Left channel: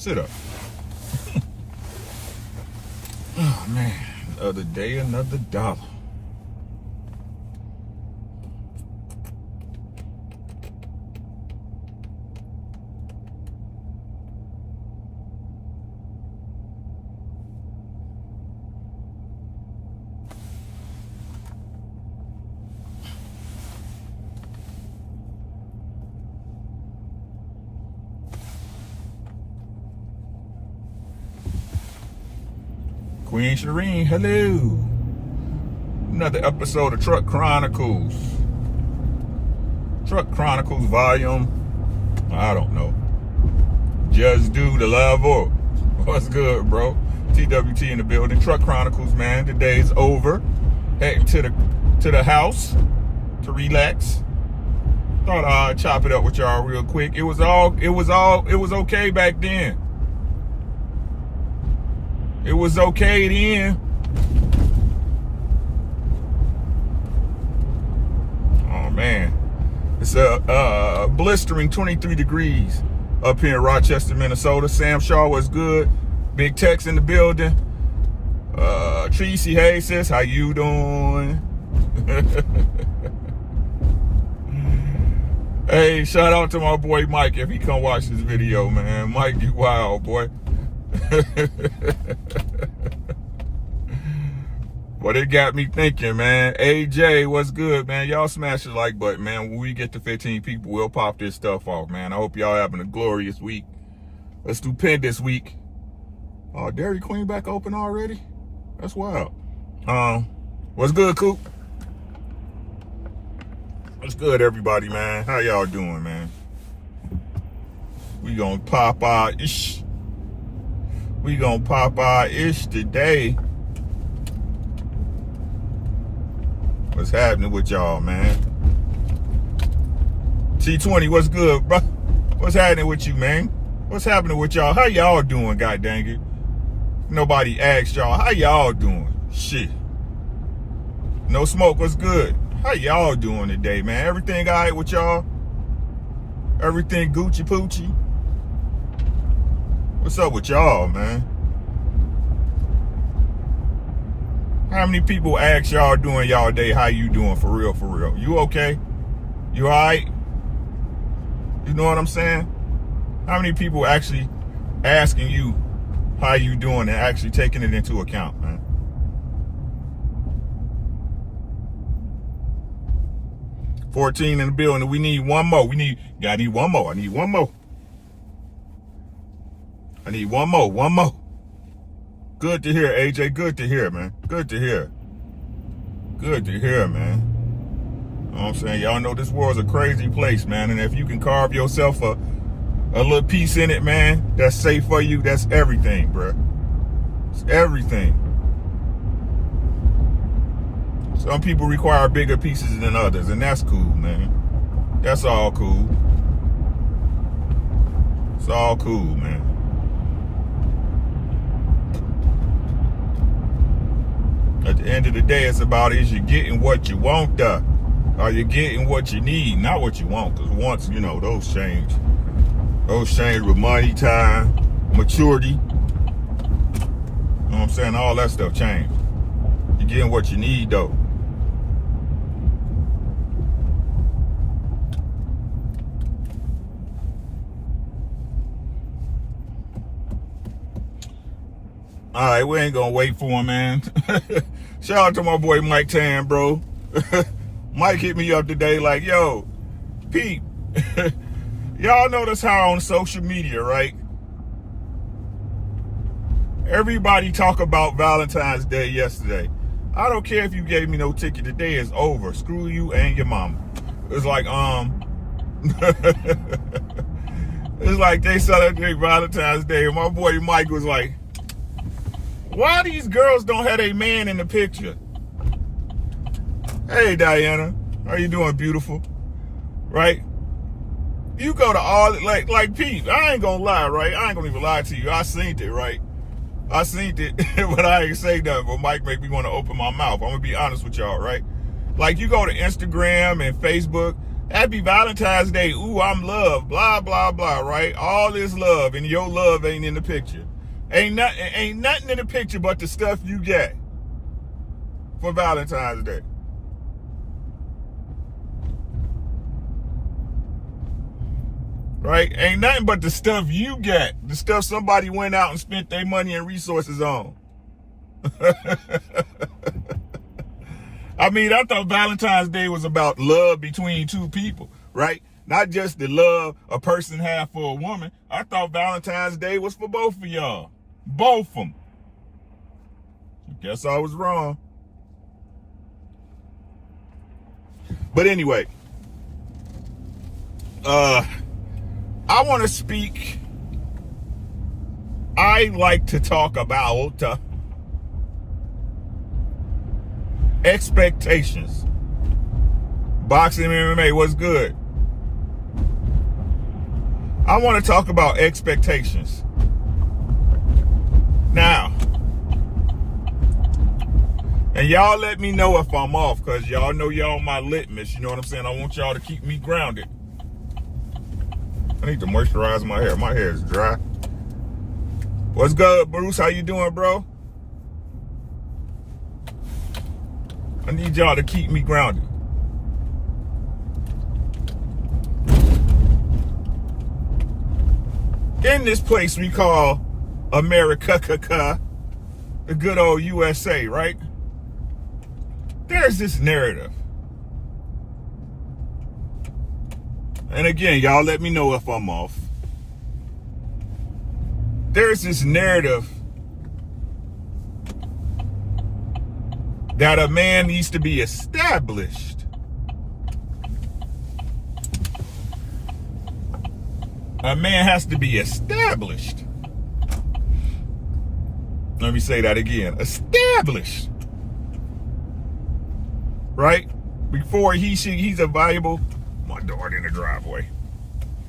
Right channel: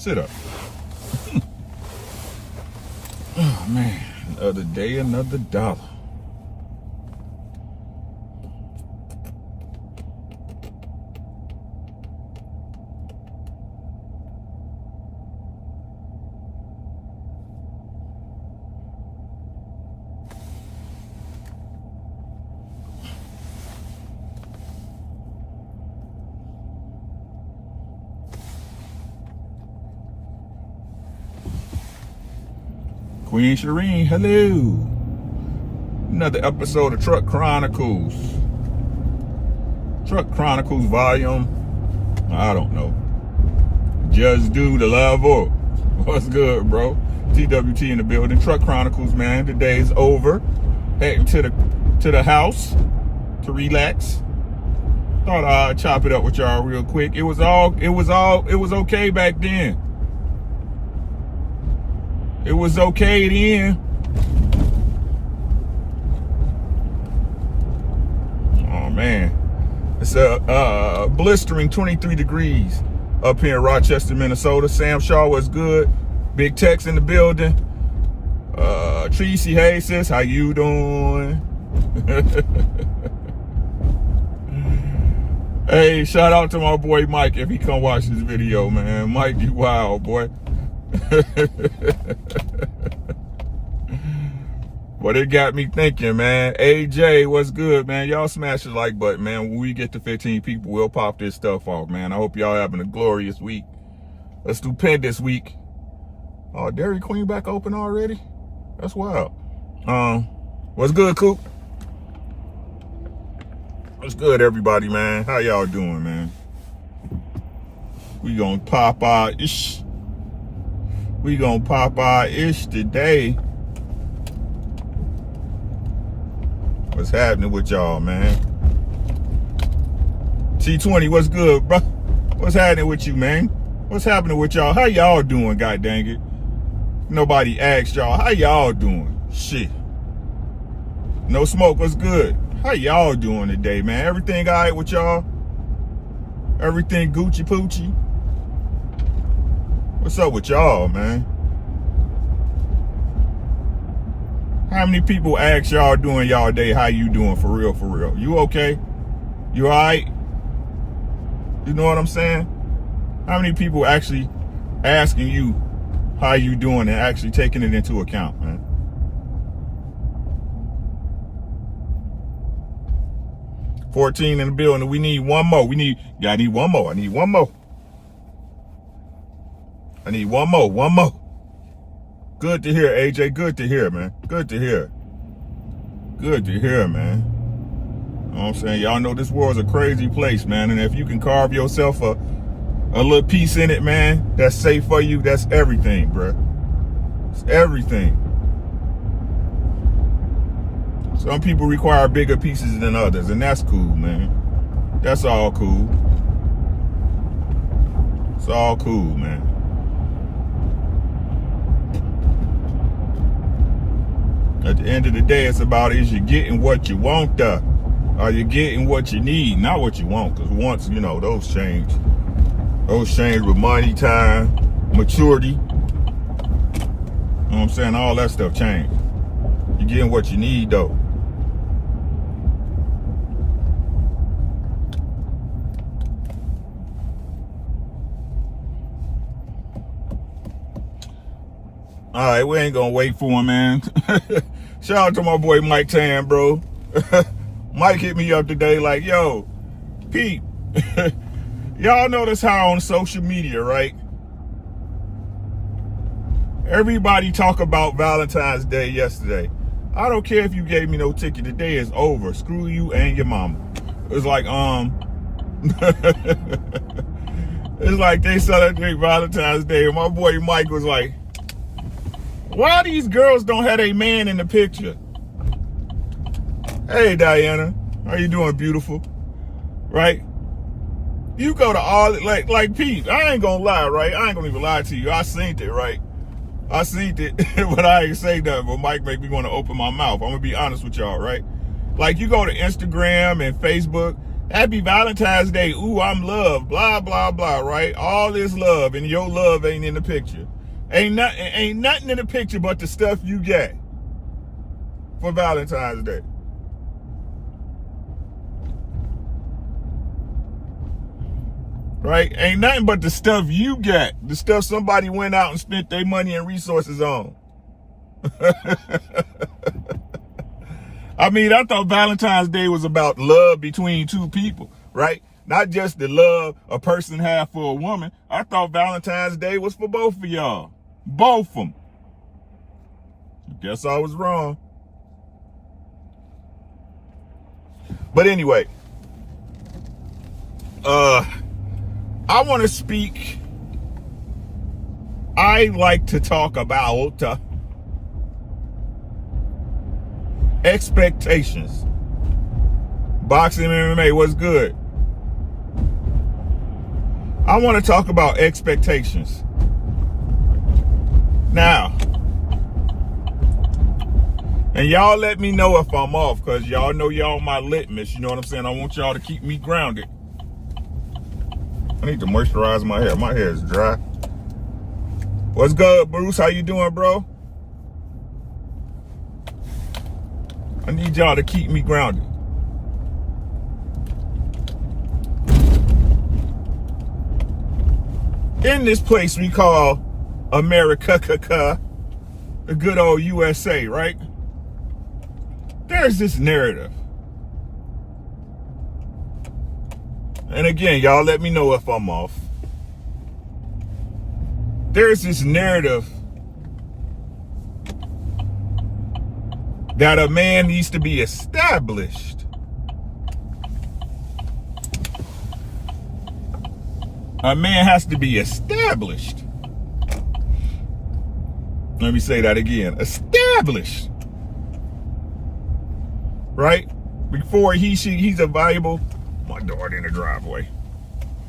Sit up. Oh, man. Another day, another dollar. Queen Shireen, hello. Another episode of Truck Chronicles. Truck Chronicles volume, I don't know. Just do the level. What's good, bro? TWT in the building. Truck Chronicles, man. The day's over. Heading to the house to relax. Thought I'd chop it up with y'all real quick. It was okay back then. It was okay then. Oh man, it's a blistering 23 degrees up here in Rochester, Minnesota. Sam Shaw was good. Big Tex in the building. Tracy, hey sis, how you doing? Hey, shout out to my boy Mike if he come watch this video, man. Mike, you wild, boy. But it got me thinking, man. AJ, what's good, man? Y'all smash the like button, man. When we get to 15 people, we'll pop this stuff off, man. I hope y'all having a glorious week, a stupendous week. Oh, Dairy Queen back open already? That's wild. What's good, Coop? What's good, everybody, man? How y'all doing, man? We gonna pop our ish. We gonna pop our ish today. What's happening with y'all, man? T20, what's good, bro? What's happening with you, man? What's happening with y'all? How y'all doing, god dang it? Nobody asked y'all. How y'all doing? Shit. No Smoke, what's good? How y'all doing today, man? Everything all right with y'all? Everything Gucci Poochie? What's up with y'all, man? How many people ask y'all during y'all day, how you doing for real, for real? You okay? You all right? You know what I'm saying? How many people actually asking you how you doing and actually taking it into account, man? $14 in the building. We need one more. I need one more. I need one more. I need one more. One more. Good to hear, AJ. Good to hear, man. Good to hear. Good to hear, man. You know what I'm saying? Y'all know this world's a crazy place, man. And if you can carve yourself a little piece in it, man, that's safe for you, that's everything, bro. It's everything. Some people require bigger pieces than others, and that's cool, man. That's all cool. It's all cool, man. At the end of the day, it's about, is you getting what you want, though? Are you getting what you need, not what you want? Because once, you know, those change. Those change with money, time, maturity. You know what I'm saying? All that stuff changed. You're getting what you need, though. All right, we ain't gonna wait for him, man. Shout out to my boy Mike Tan, bro. Mike hit me up today like, yo, Pete, y'all notice how on social media, right? Everybody talk about Valentine's Day yesterday. I don't care if you gave me no ticket. The day is over. Screw you and your mama. It's like, it's like they celebrate Valentine's Day. And my boy Mike was like, why these girls don't have a man in the picture? Hey, Diana. How you doing, beautiful? Right? You go to all, like Pete, I ain't gonna lie, right? I ain't gonna even lie to you. I seen it, right? I seen it, but I ain't say nothing. But Mike make me want to open my mouth. I'm gonna be honest with y'all, right? Like, you go to Instagram and Facebook, Happy Valentine's Day. Ooh, I'm loved. Blah, blah, blah, right? All this love, and your love ain't in the picture. Ain't nothing in the picture but the stuff you get for Valentine's Day. Right? Ain't nothing but the stuff you get. The stuff somebody went out and spent their money and resources on. I mean, I thought Valentine's Day was about love between two people, right? Not just the love a person had for a woman. I thought Valentine's Day was for both of y'all. Both of them. Guess I was wrong. But anyway, I want to speak. I like to talk about expectations. Boxing, MMA, what's good? I want to talk about expectations. Now, and y'all let me know if I'm off, because y'all know y'all my litmus. You know what I'm saying? I want y'all to keep me grounded. I need to moisturize my hair. My hair is dry. What's good, Bruce? How you doing, bro? I need y'all to keep me grounded. In this place we call America, the good old USA, right? There's this narrative. And again, y'all let me know if I'm off. There's this narrative that a man needs to be established. A man has to be established. Let me say that again. Established. Right? Before he's a valuable. My daughter in the driveway.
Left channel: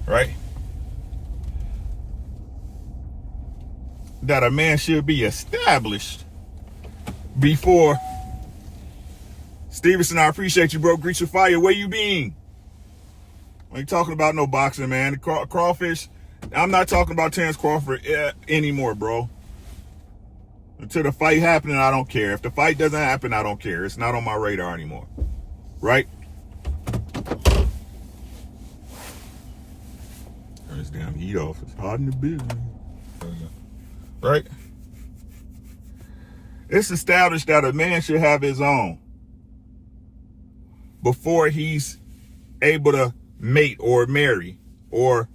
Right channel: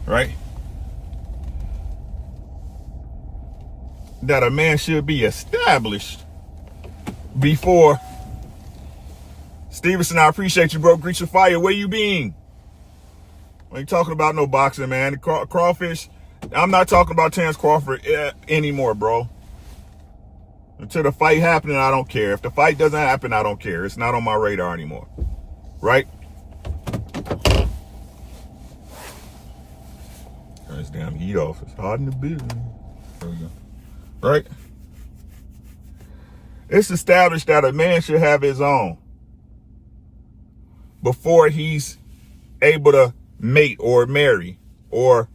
Right? That a man should be established before. Stevenson, I appreciate you, bro. Greet your fire. Where you been? I ain't talking about no boxing, man. The crawfish. I'm not talking about Terrence Crawford anymore, bro. Until the fight happening, I don't care. If the fight doesn't happen, I don't care. It's not on my radar anymore. Right? Turn this damn heat off. It's hot in the building. Right? It's established that a man should have his own before he's able to mate or marry or,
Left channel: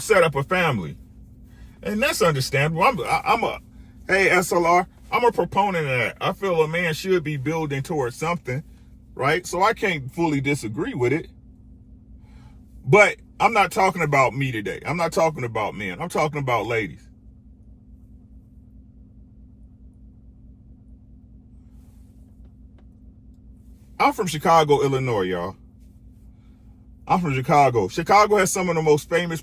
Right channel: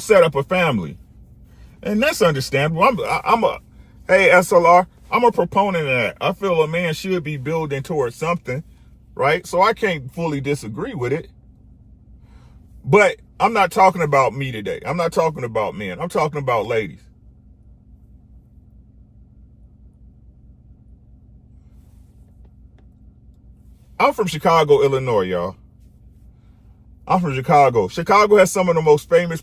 set up a family. And that's understandable. Hey, SLR, I'm a proponent of that. I feel a man should be building towards something, right? So I can't fully disagree with it. But I'm not talking about me today. I'm not talking about men. I'm talking about ladies. I'm from Chicago, Illinois, y'all. I'm from Chicago. Chicago has some of the most famous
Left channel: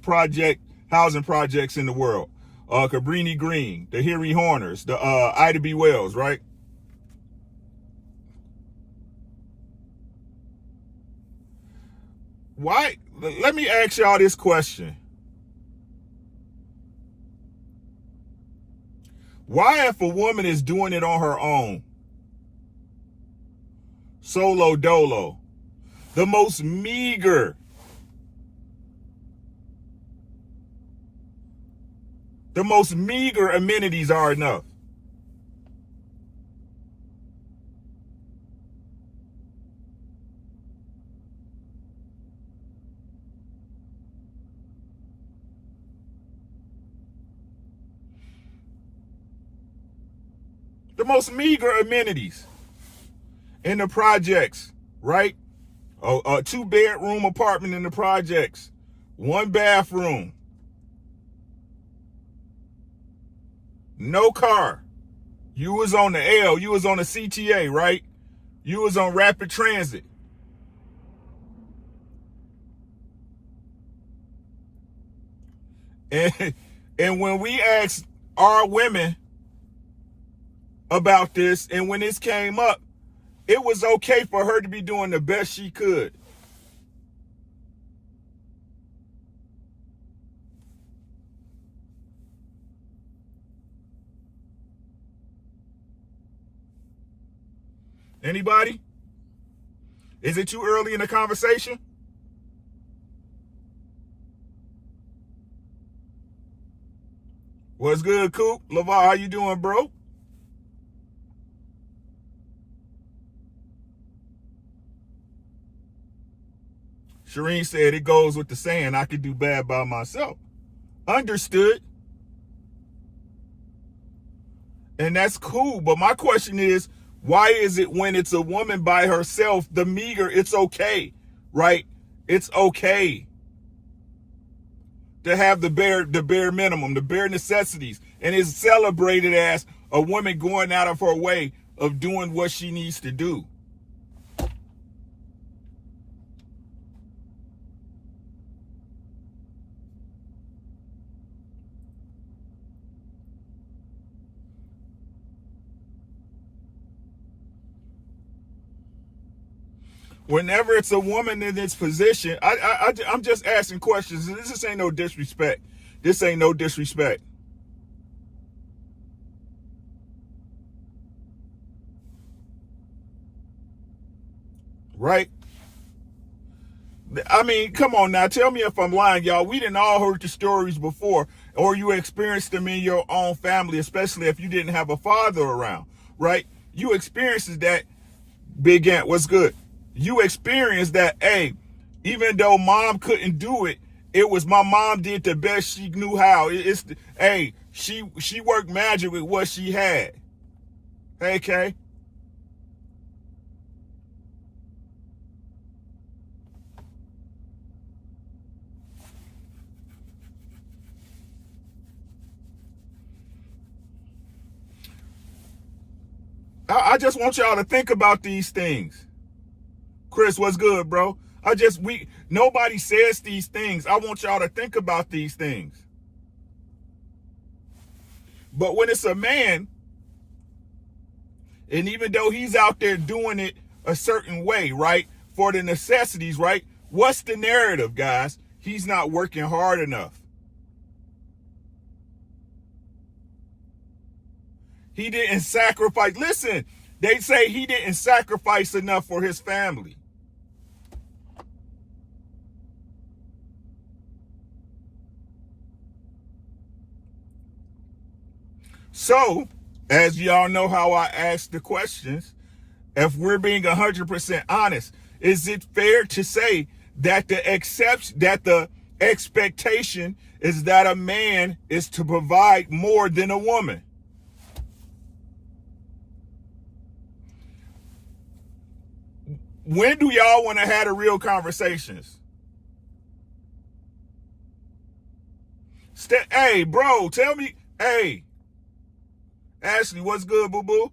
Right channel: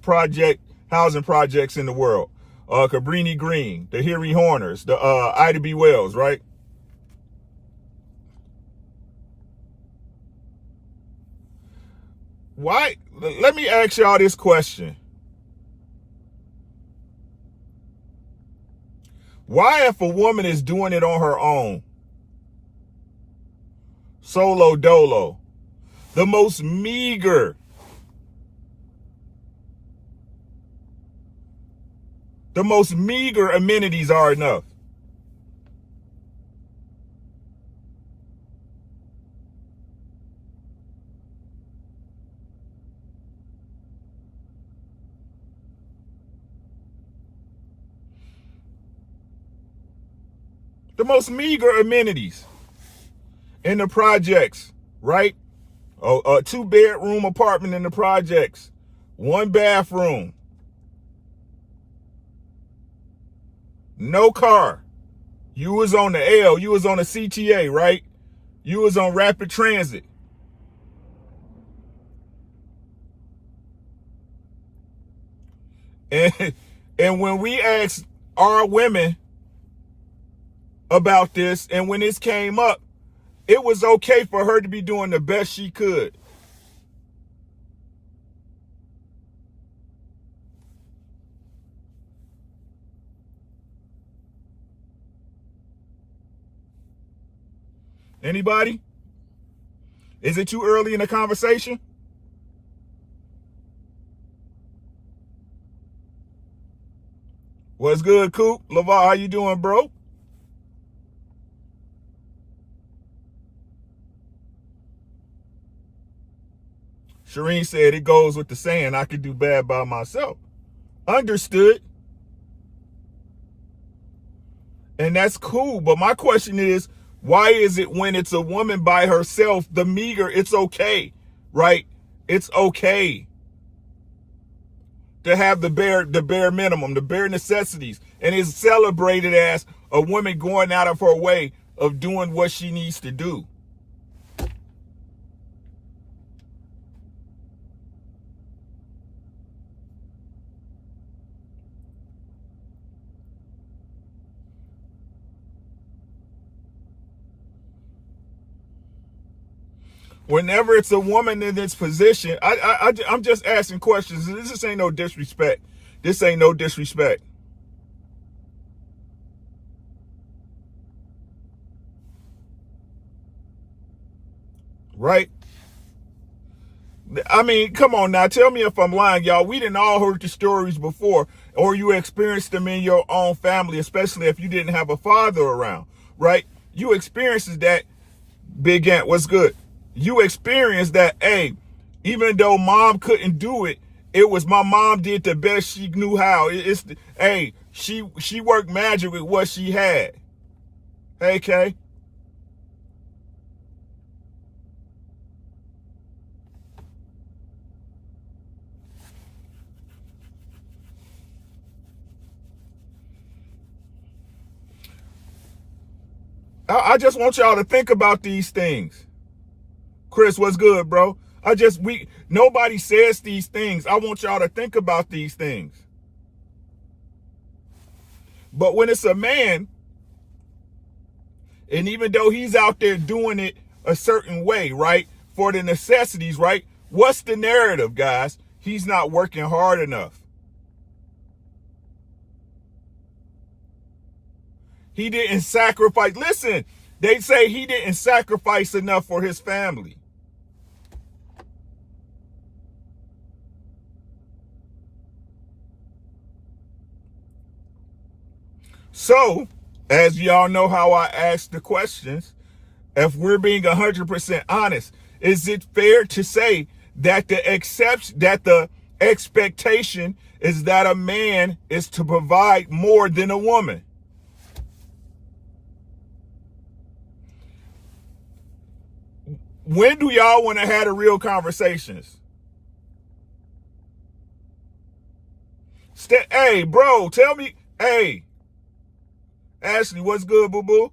housing projects in the world. Cabrini Green, the Harry Horners, the Ida B. Wells, right? Why? Let me ask y'all this question. Why, if a woman is doing it on her own, solo dolo, the most meager amenities are enough? The most meager amenities in the projects, right? A 2-bedroom apartment in the projects, 1 bathroom, no car. You was on the L, you was on the CTA, right? You was on rapid transit. And when we asked our women about this, and when this came up, it was okay for her to be doing the best she could. Anybody? Is it too early in the conversation? What's good, Coop? Lavar, how you doing, bro? Shireen said it goes with the saying, I could do bad by myself. Understood. And that's cool. But my question is, why is it when it's a woman by herself, the meager, it's okay, right? It's okay to have the bare minimum, the bare necessities, and it's celebrated as a woman going out of her way of doing what she needs to do. Whenever it's a woman in this position, I'm just asking questions. This ain't no disrespect. This ain't no disrespect. Right? I mean, come on now. Tell me if I'm lying, y'all. We didn't all heard the stories before, or you experienced them in your own family, especially if you didn't have a father around, right? You experienced that. Big Ant, what's good? You experienced that, hey, even though mom couldn't do it, it was my mom did the best she knew how. She worked magic with what she had. Hey, Kay. I just want y'all to think about these things. Chris, what's good, bro? Nobody says these things. I want y'all to think about these things. But when it's a man, and even though he's out there doing it a certain way, right, for the necessities, right, what's the narrative, guys? He's not working hard enough. He didn't sacrifice. Listen, they say he didn't sacrifice enough for his family. So, as y'all know how I ask the questions, if we're being 100% honest, is it fair to say that the expectation is that a man is to provide more than a woman? When do y'all want to have the real conversations? Hey, bro, tell me. Hey, Ashley, what's good, boo-boo?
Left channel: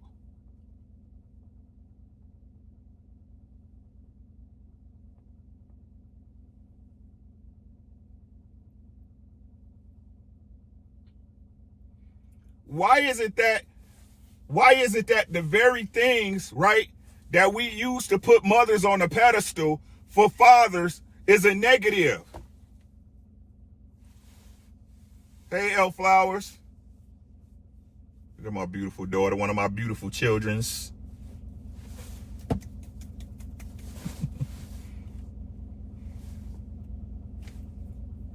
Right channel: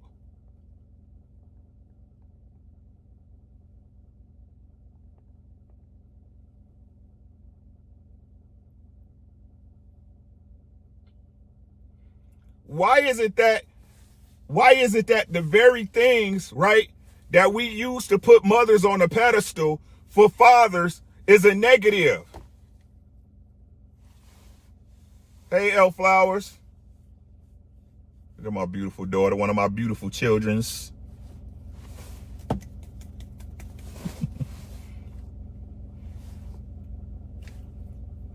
Why is it that the very things, right, that we use to put mothers on a pedestal for fathers is a negative? Hey, L Flowers. Look at my beautiful daughter, one of my beautiful children's.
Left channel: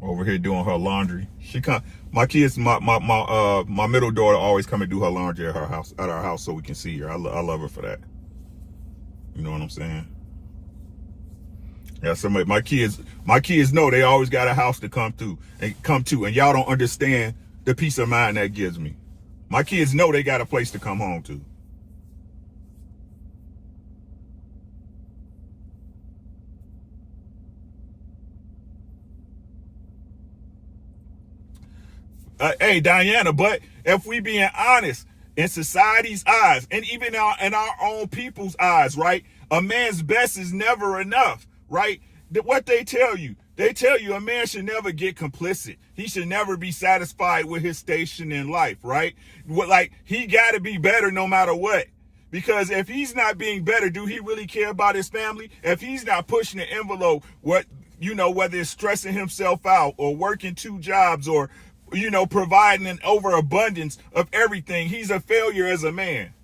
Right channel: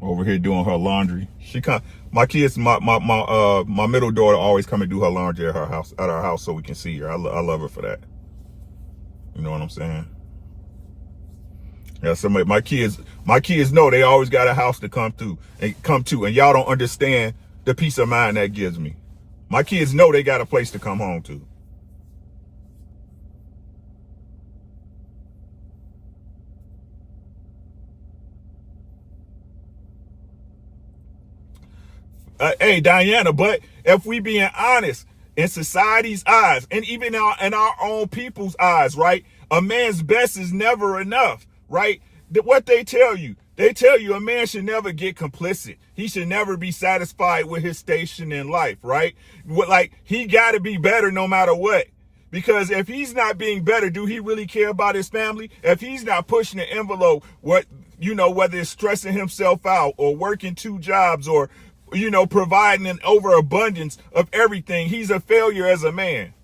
Over here doing her laundry. My middle daughter always come and do her laundry at our house so we can see her. I love her for that. You know what I'm saying? Yeah, my kids know they always got a house to come to, and y'all don't understand the peace of mind that gives me. My kids know they got a place to come home to. Hey, Diana, but if we being honest, in society's eyes, and even in our own people's eyes, right? A man's best is never enough, right? What they tell you a man should never get complicit. He should never be satisfied with his station in life, right? Like, he got to be better no matter what. Because if he's not being better, do he really care about his family? If he's not pushing the envelope, whether it's stressing himself out or working 2 jobs or, providing an overabundance of everything, he's a failure as a man.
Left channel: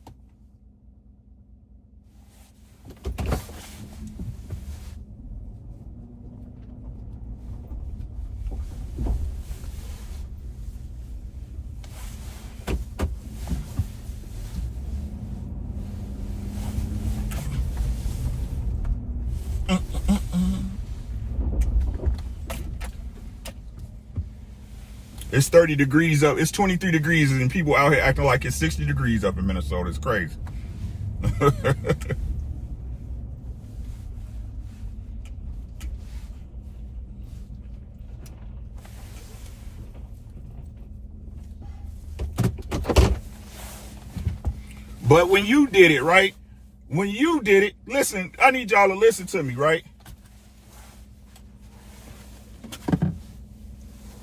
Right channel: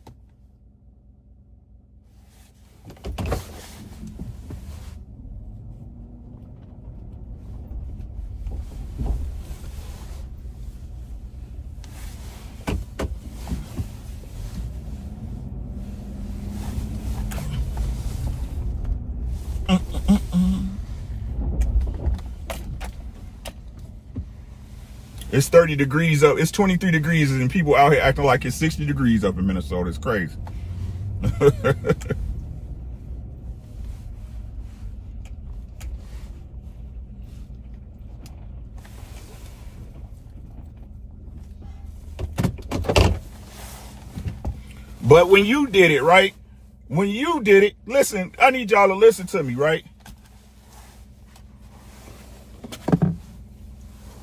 It's 30 degrees up. It's 23 degrees, and people out here acting like it's 60 degrees up in Minnesota. It's crazy. But when you did it, right? When you did it, listen, I need y'all to listen to me, right?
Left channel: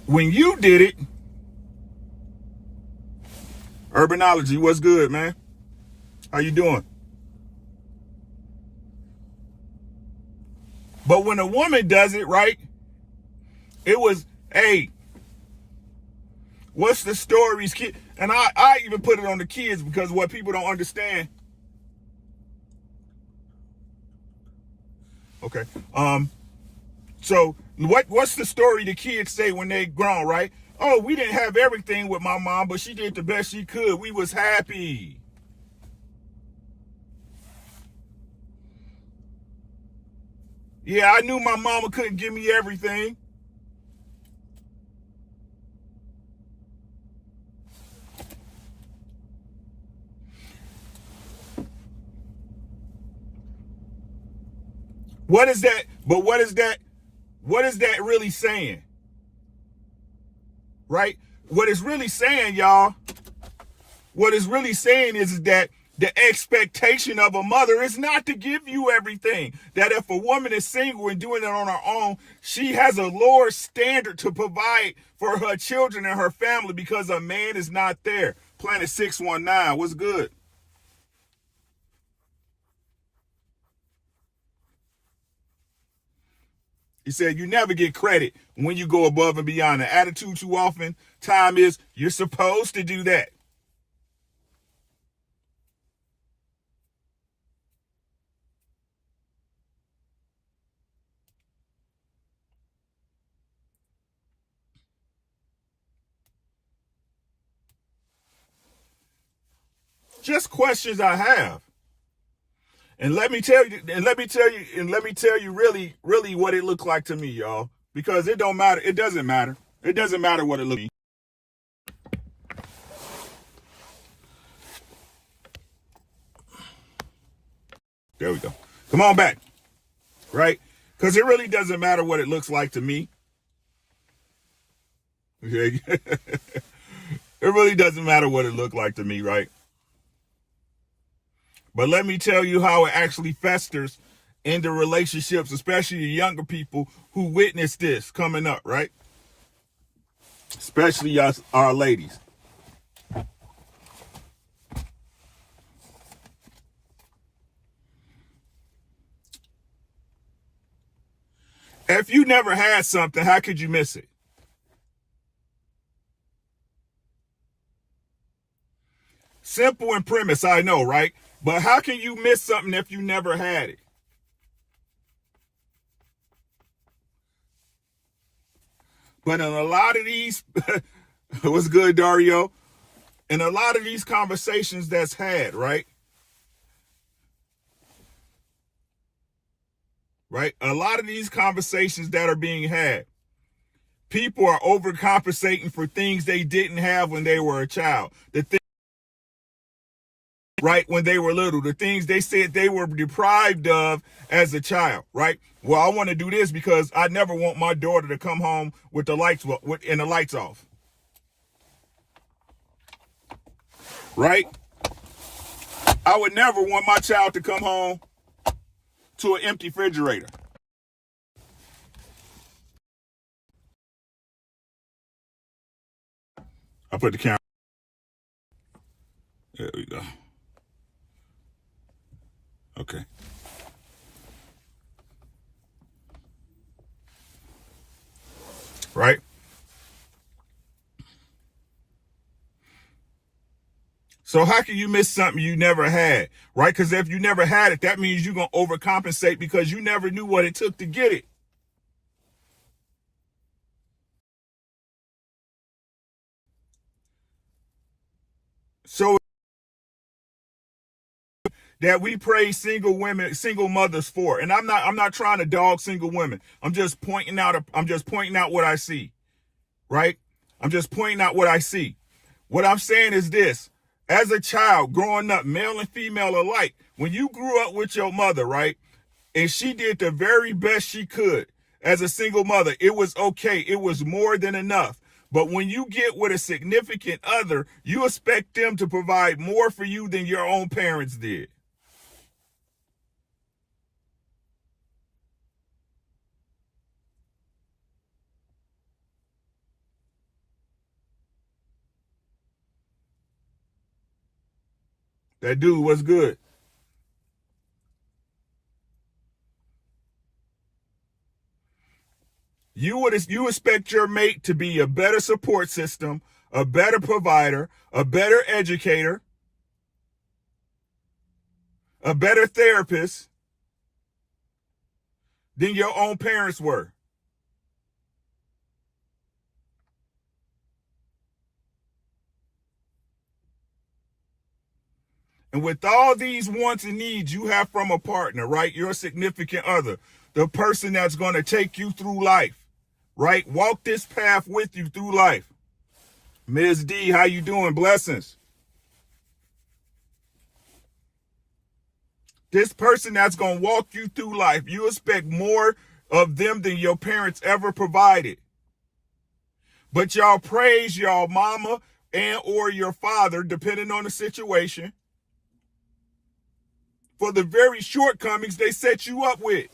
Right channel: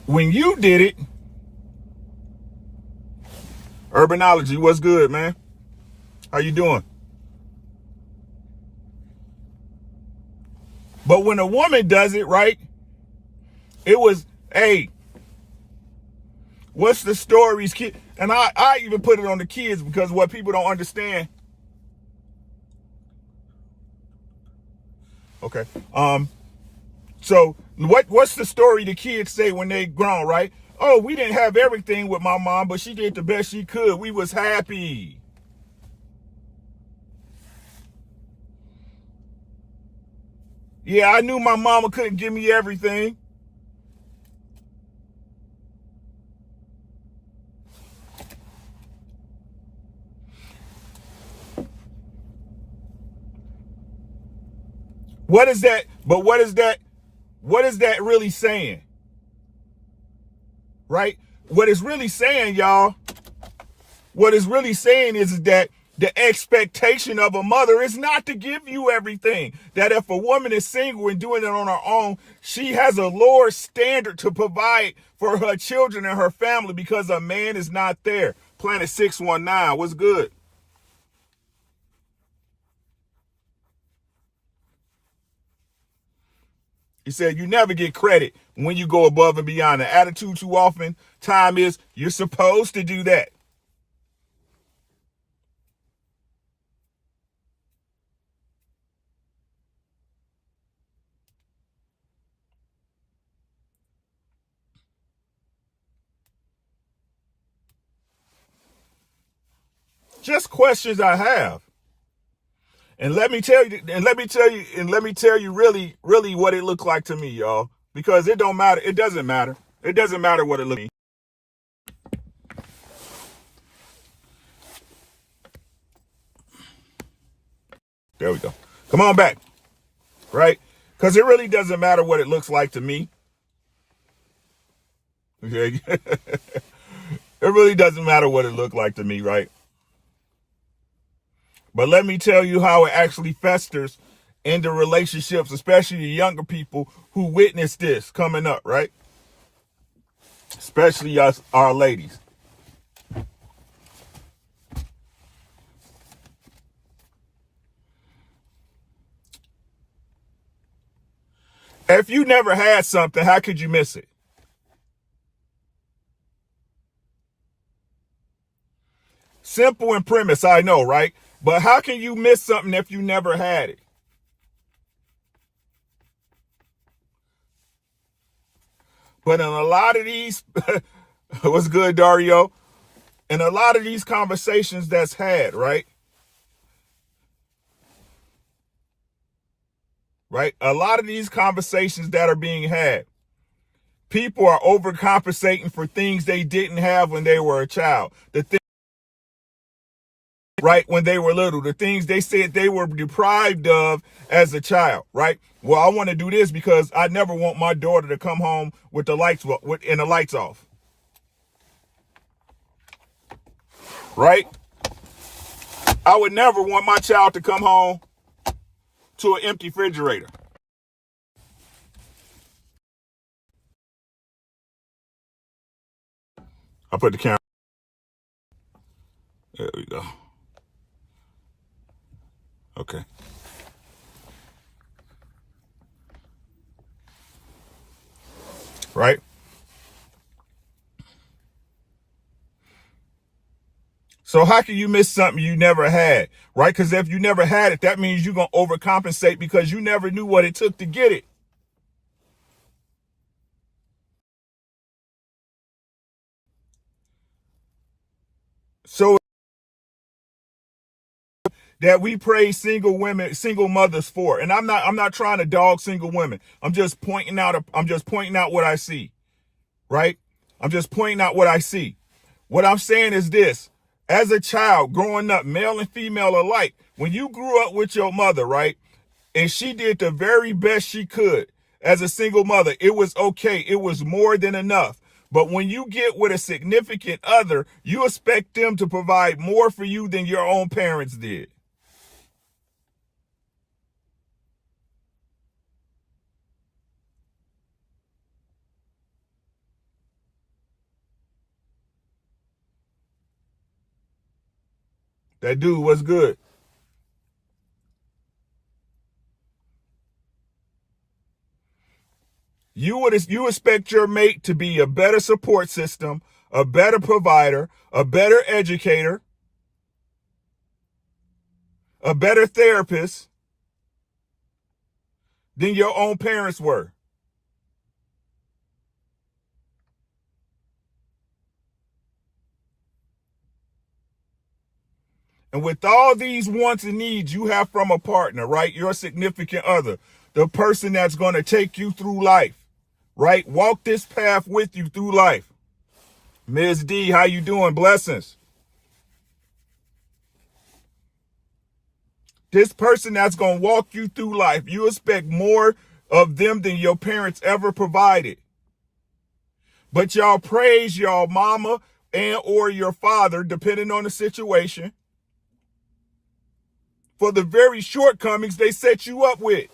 When you did it, Urbanology, what's good, man? How you doing? But when a woman does it, right? It was, hey, what's the stories, kid? And I even put it on the kids because what people don't understand. Okay. So what's the story the kids say when they grown, right? Oh, we didn't have everything with my mom, but she did the best she could. We was happy. Yeah, I knew my mama couldn't give me everything. What is that? But what is that? What is that really saying? Right? What it's really saying, y'all, what it's really saying is that the expectation of a mother is not to give you everything. That if a woman is single and doing it on her own, she has a lower standard to provide for her children and her family because a man is not there. Planet 619, what's good? He said you never get credit when you go above and beyond. The attitude too often, time is you're supposed to do that. Just questions I have. And let me tell you really, really what it looked like to me, y'all. Because it don't matter. It doesn't matter. It doesn't matter what it looks like. There we go. Come on back. Right? Because it really doesn't matter what it looks like to me. Okay? It really doesn't matter what it looked like to me, right? But let me tell you how it actually festers into relationships, especially the younger people who witness this coming up, right? Especially us, our ladies. If you never had something, how could you miss it? Simple and premise, I know, right? But how can you miss something if you never had it? But in a lot of these, what's good, Dario? In a lot of these conversations that's had, right? Right? A lot of these conversations that are being had, people are overcompensating for things they didn't have when they were a child. The thing, right, when they were little, the things they said they were deprived of as a child, right? Well, I want to do this because I never want my daughter to come home with the lights off. Right? I would never want my child to come home to an empty refrigerator. I put the camera. There we go. Okay. Right? So how can you miss something you never had? Right? Because if you never had it, that means you're going to overcompensate because you never knew what it took to get it. So that we praise single women, single mothers for. And I'm not trying to dog single women. I'm just pointing out what I see. Right? I'm just pointing out what I see. What I'm saying is this. As a child growing up, male and female alike, when you grew up with your mother, right? And she did the very best she could as a single mother. It was okay. It was more than enough. But when you get with a significant other, you expect them to provide more for you than your own parents did. That dude was good. You expect your mate to be a better support system, a better provider, a better educator, a better therapist than your own parents were. And with all these wants and needs you have from a partner, right? Your significant other, the person that's going to take you through life, right? Walk this path with you through life. Ms. D, how you doing? Blessings. This person that's going to walk you through life, you expect more of them than your parents ever provided. But y'all praise y'all mama and or your father, depending on the situation, for the very shortcomings they set you up with.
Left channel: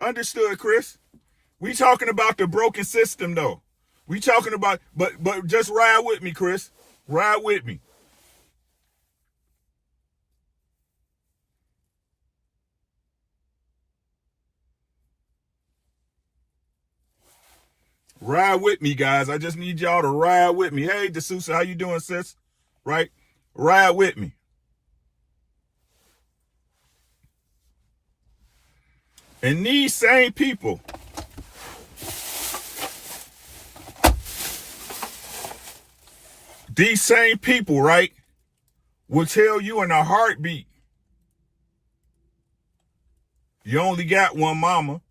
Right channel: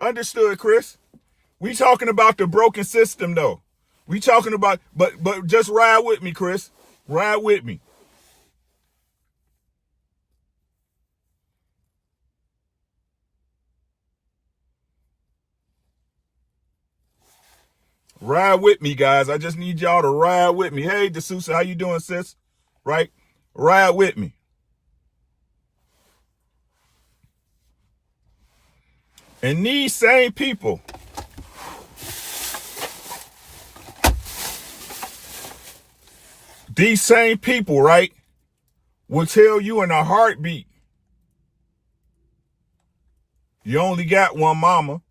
Understood, Chris? We talking about the broken system, though. We talking about, but just ride with me, Chris. Ride with me. Ride with me, guys. I just need y'all to ride with me. Hey, D'Souza, how you doing, sis? Right? Ride with me. And these same people, right, will tell you in a heartbeat, you only got one mama.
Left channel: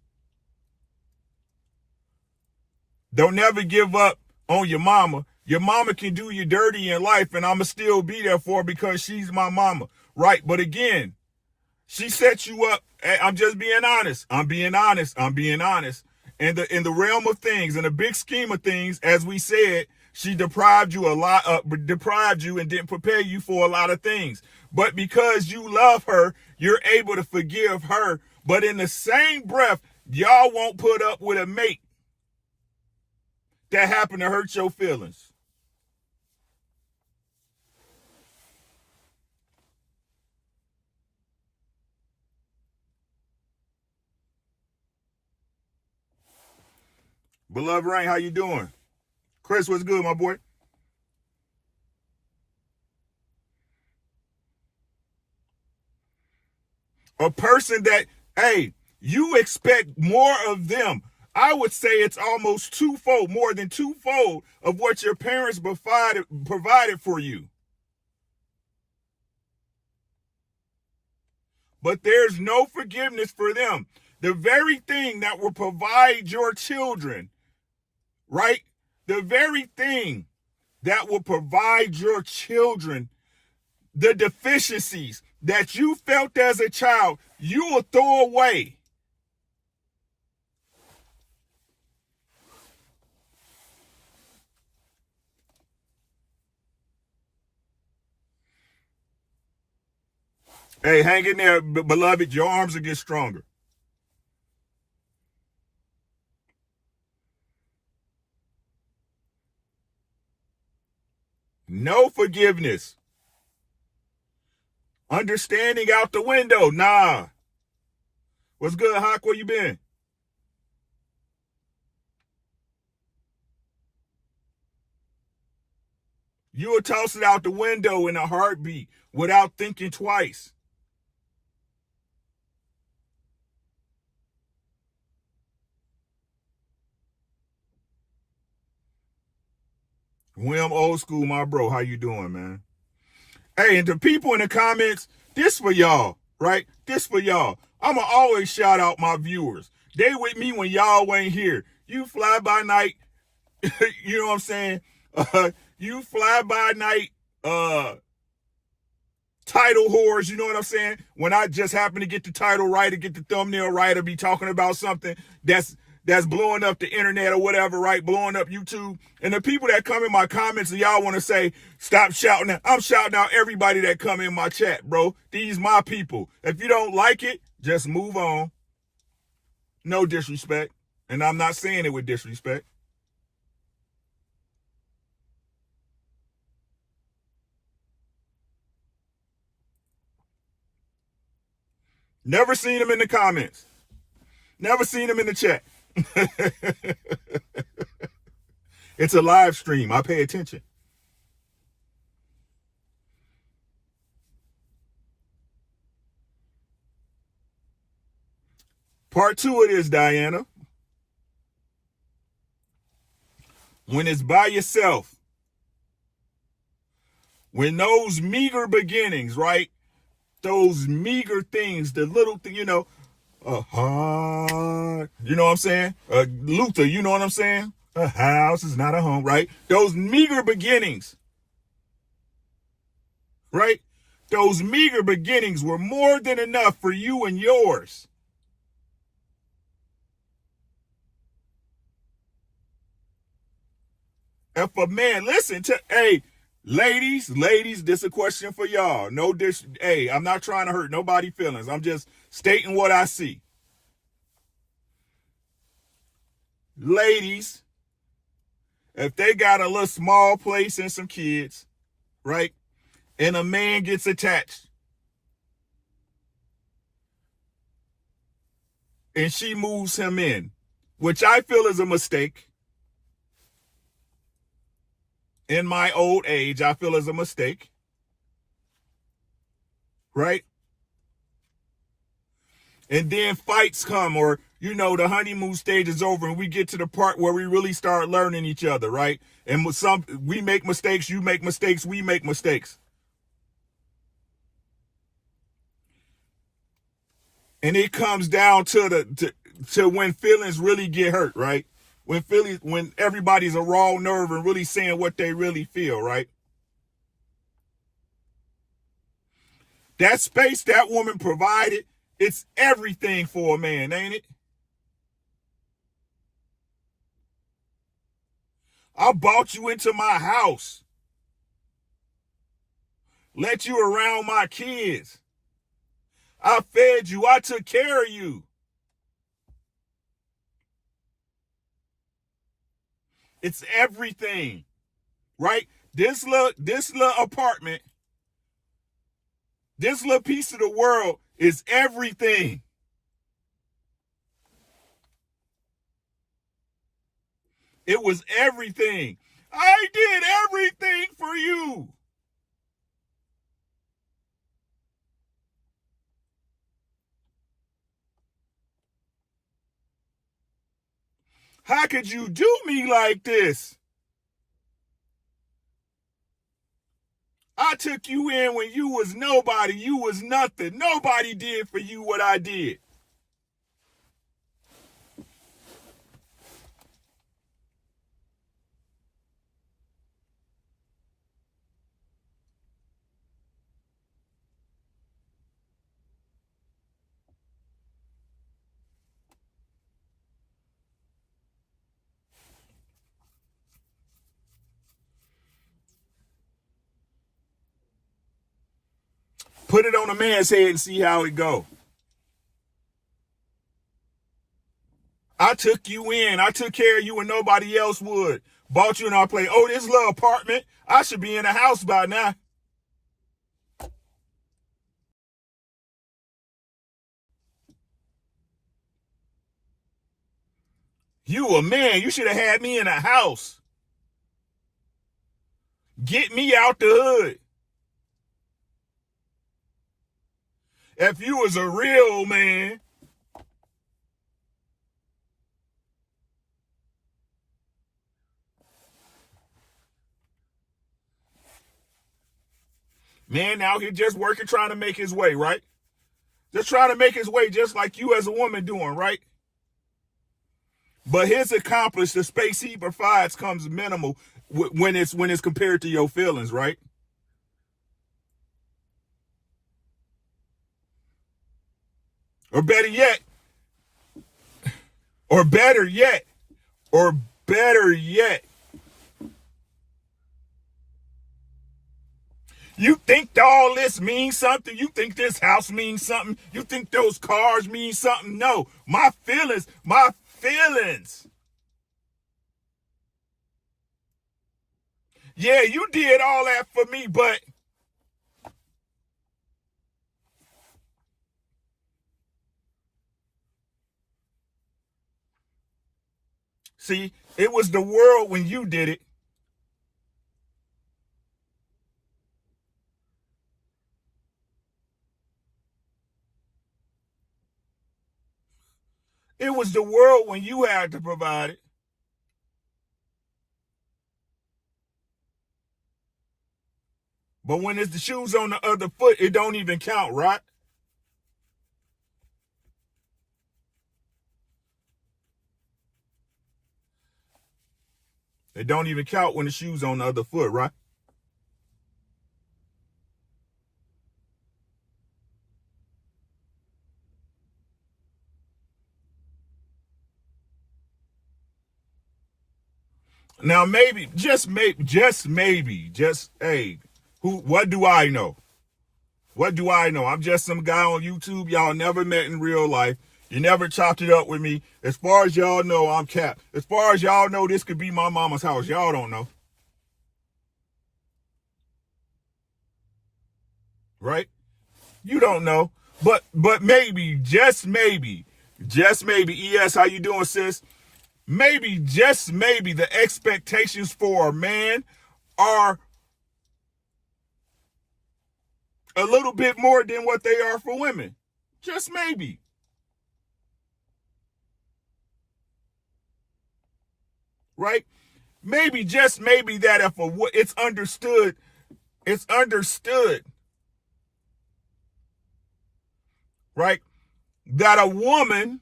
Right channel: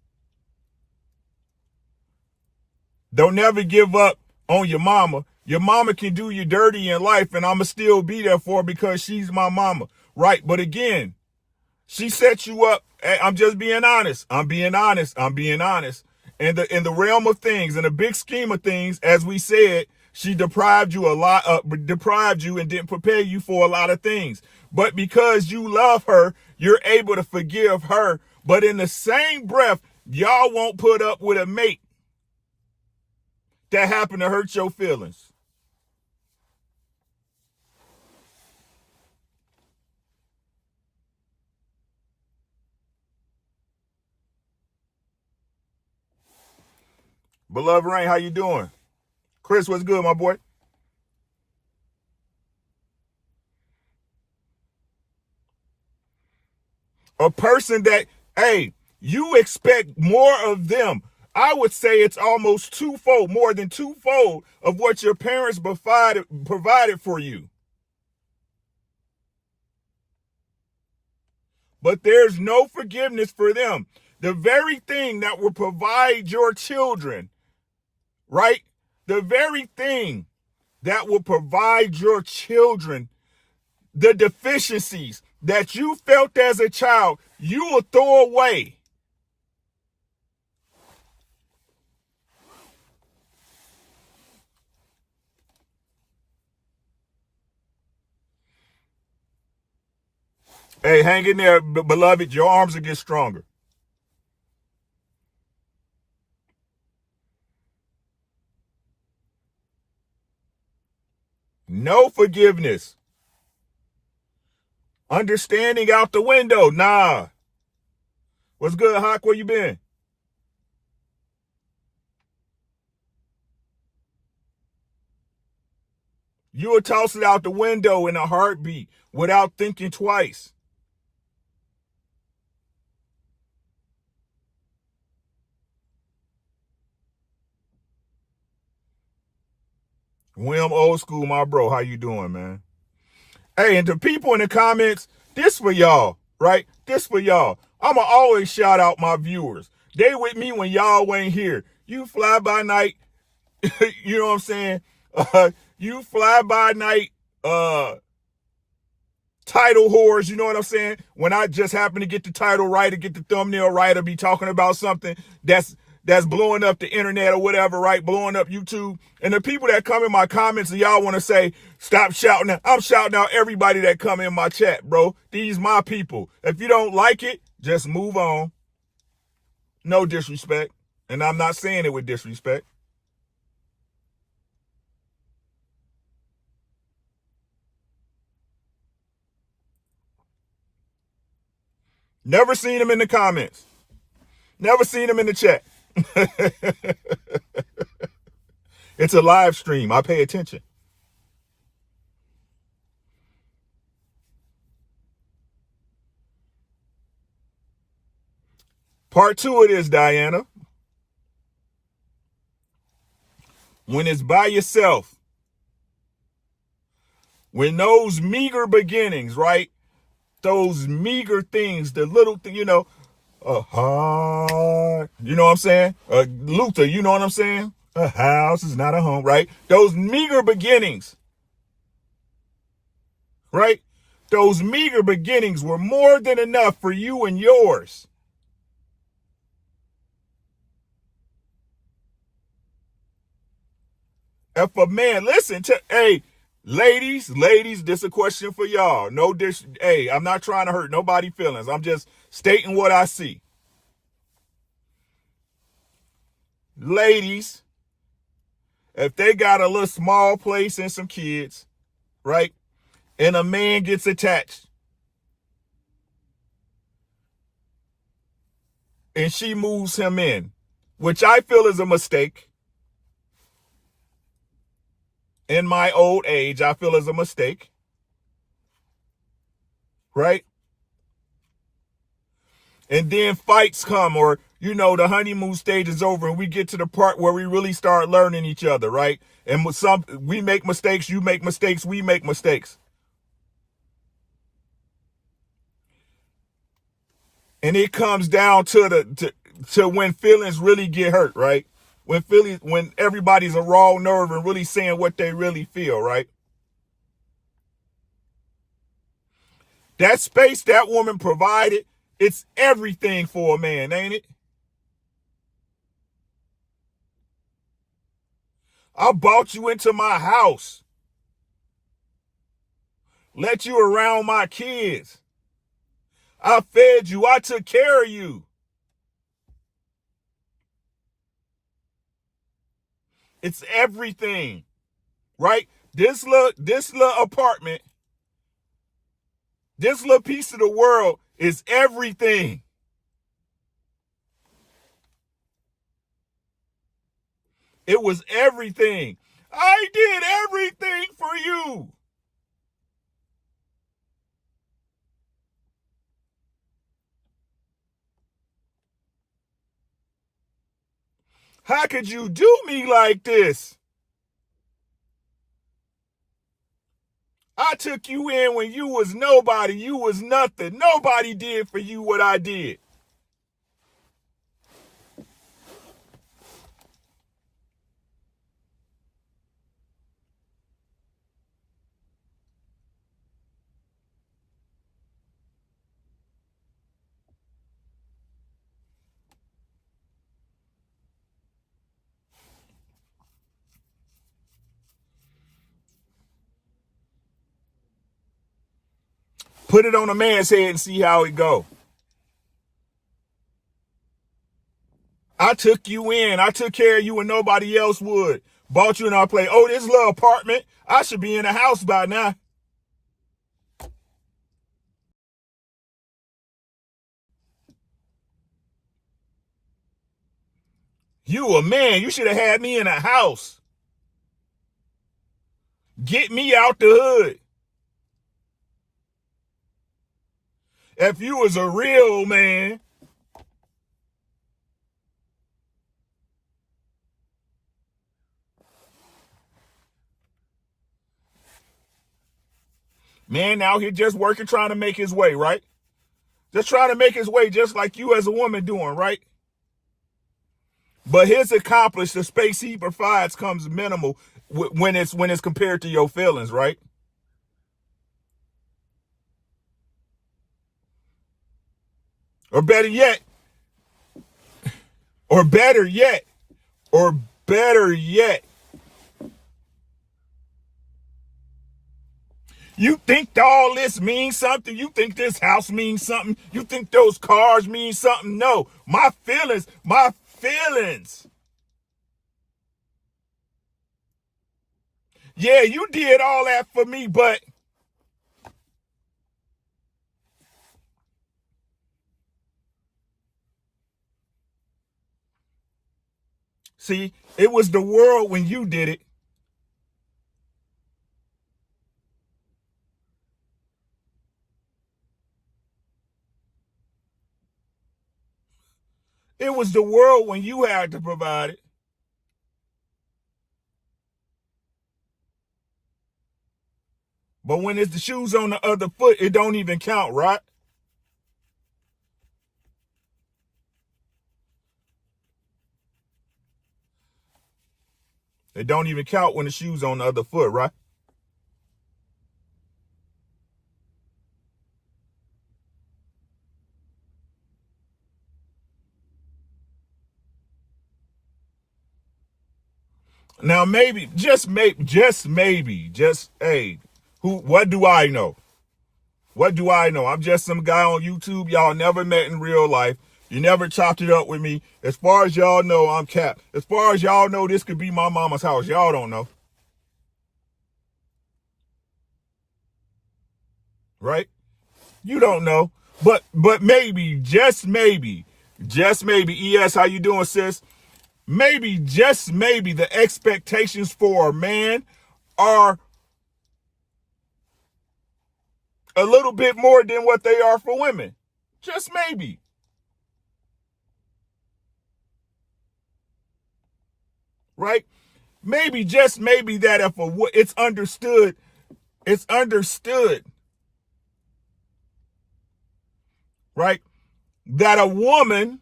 Don't never give up on your mama. Your mama can do you dirty in life, and I'ma still be there for her because she's my mama. Right? But again, she set you up. I'm just being honest. I'm being honest. In the realm of things, in the big scheme of things, as we said, she deprived you and didn't prepare you for a lot of things. But because you love her, you're able to forgive her. But in the same breath, y'all won't put up with a mate that happened to hurt your feelings. Beloved Rain, how you doing? Chris, what's good, my boy? A person that, hey, you expect more of them. I would say it's almost twofold, more than twofold of what your parents provided for you. But there's no forgiveness for them. The very thing that will provide your children, right? The very thing that will provide your children the deficiencies that you felt as a child, you will throw away. Hey, hang in there, beloved. Your arms will get stronger. No forgiveness. Understanding out the window. Nah. What's good, Hawk? Where you been? You would toss it out the window in a heartbeat without thinking twice. William Old School, my bro. How you doing, man? Hey, and the people in the comments, this for y'all, right? This for y'all. I'ma always shout out my viewers. They with me when y'all ain't here. You fly by night, you know what I'm saying? You fly by night title whores, you know what I'm saying? When I just happen to get the title right or get the thumbnail right or be talking about something that's blowing up the internet or whatever, right? Blowing up YouTube. And the people that come in my comments and y'all want to say, stop shouting. I'm shouting out everybody that come in my chat, bro. These my people. If you don't like it, just move on. No disrespect. And I'm not saying it with disrespect. Never seen them in the comments. Never seen them in the chat. It's a live stream. I pay attention. Part 2 of this, Diana. When it's by yourself, when those meager beginnings, right? Those meager things, the little thing, you know, a heart, you know what I'm saying? Luther, you know what I'm saying? A house is not a home, right? Those meager beginnings, right? Those meager beginnings were more than enough for you and yours. If a man, listen to, hey, ladies, this is a question for y'all. No dish, hey, I'm not trying to hurt nobody's feelings. I'm just stating what I see. Ladies, if they got a little small place and some kids, right? And a man gets attached. And she moves him in, which I feel is a mistake. In my old age, I feel is a mistake. Right? And then fights come, or, you know, the honeymoon stage is over and we get to the part where we really start learning each other, right? And with we make mistakes, you make mistakes, we make mistakes. And it comes down to when feelings really get hurt, right? When everybody's a raw nerve and really saying what they really feel, right? That space that woman provided, it's everything for a man, ain't it? I brought you into my house. Let you around my kids. I fed you. I took care of you. It's everything, right? This little apartment, this little piece of the world is everything. It was everything. I did everything for you. How could you do me like this? I took you in when you was nobody. You was nothing. Nobody did for you what I did. Put it on a man's head and see how it go. I took you in. I took care of you when nobody else would. Bought you in our place. Oh, this little apartment. I should be in a house by now. You a man. You should have had me in a house. Get me out the hood. If you was a real man. Man out here just working, trying to make his way, right? Just trying to make his way just like you as a woman doing, right? But his accomplished, the space he provides comes minimal when it's compared to your feelings, right? Or better yet, or better yet, or better yet, you think all this means something? You think this house means something? You think those cars mean something? No, my feelings. Yeah, you did all that for me, but see, it was the world when you did it. It was the world when you had to provide it. But when it's the shoes on the other foot, it don't even count, right? It don't even count when the shoes on the other foot, right? Now maybe, just maybe, hey, what do I know? What do I know? I'm just some guy on YouTube y'all never met in real life. You never chopped it up with me. As far as y'all know, I'm Cap. As far as y'all know, this could be my mama's house. Y'all don't know. Right? You don't know. But maybe, just maybe, ES, how you doing, sis? Maybe, just maybe, the expectations for a man are a little bit more than what they are for women. Just maybe. Right? Maybe, just maybe, that if it's understood, right? That a woman,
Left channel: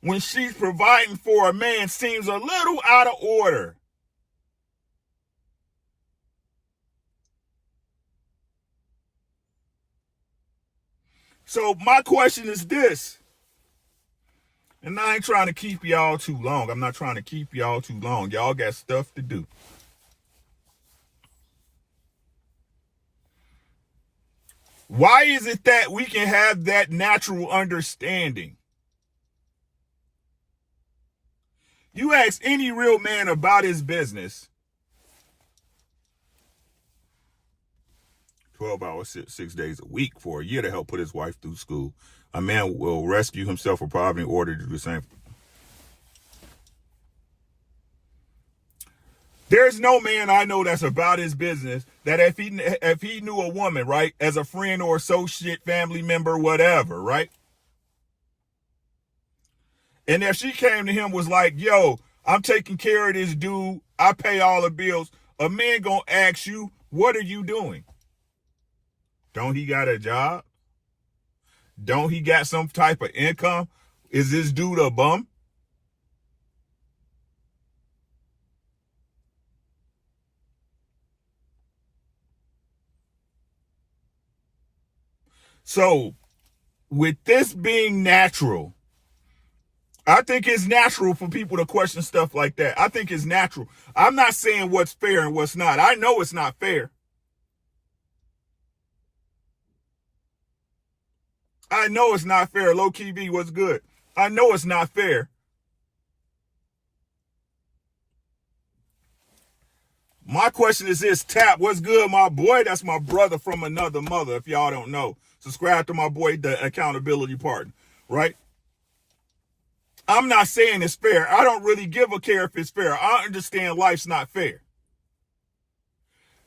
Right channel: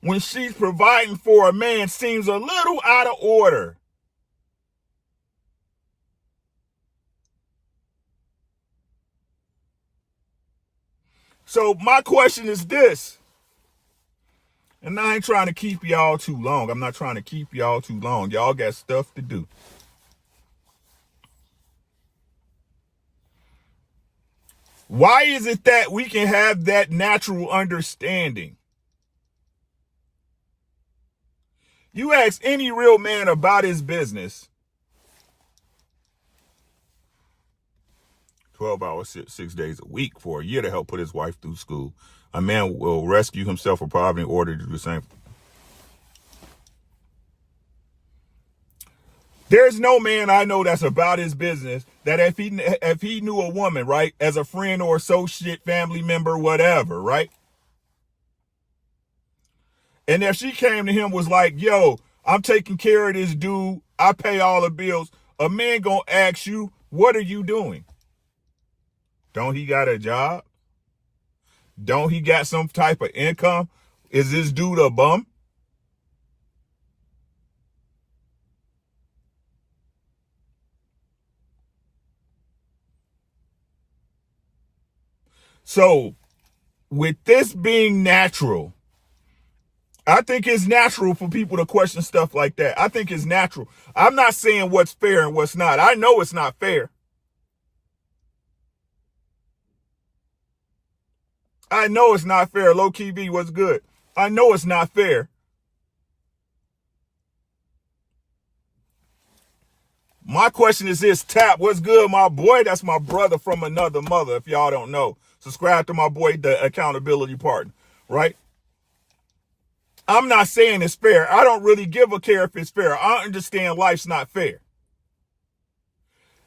when she's providing for a man, seems a little out of order. So my question is this, and I ain't trying to keep y'all too long. I'm not trying to keep y'all too long. Y'all got stuff to do. Why is it that we can have that natural understanding? You ask any real man about his business, 12 hours, 6 days a week for a year to help put his wife through school. A man will rescue himself from poverty in order to do the same. There's no man I know that's about his business that if he knew a woman, right, as a friend or associate, family member, whatever, right? And if she came to him was like, yo, I'm taking care of this dude, I pay all the bills, a man gonna ask you, what are you doing? Don't he got a job? Don't he got some type of income? Is this dude a bum? So, with this being natural, I think it's natural for people to question stuff like that. I think it's natural. I'm not saying what's fair and what's not. I know it's not fair. I know it's not fair. Low key V, what's good? I know it's not fair. My question is this, Tap, what's good, my boy? That's my brother from another mother, if y'all don't know. Subscribe to my boy, the accountability partner, right? I'm not saying it's fair. I don't really give a care if it's fair. I understand life's not fair.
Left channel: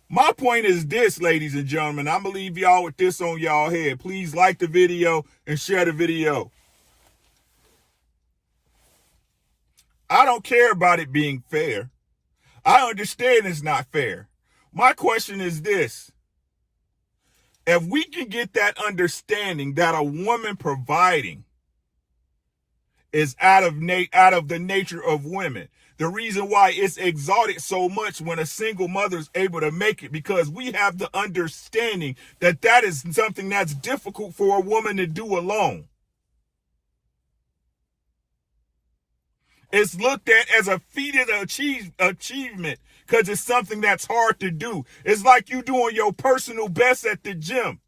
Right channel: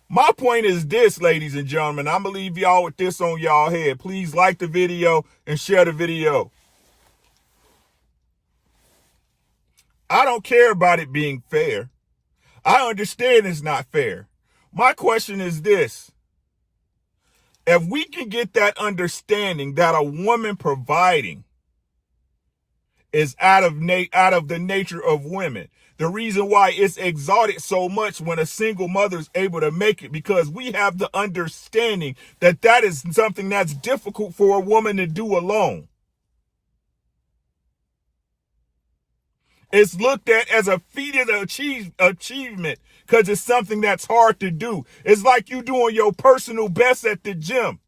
My point is this, ladies and gentlemen. I'm going to leave y'all with this on y'all head. Please like the video and share the video. I don't care about it being fair. I understand it's not fair. My question is this. If we can get that understanding that a woman providing is out of the nature of women, the reason why it's exalted so much when a single mother is able to make it, because we have the understanding that that is something that's difficult for a woman to do alone. It's looked at as a feat of achievement because it's something that's hard to do. It's like you doing your personal best at the gym.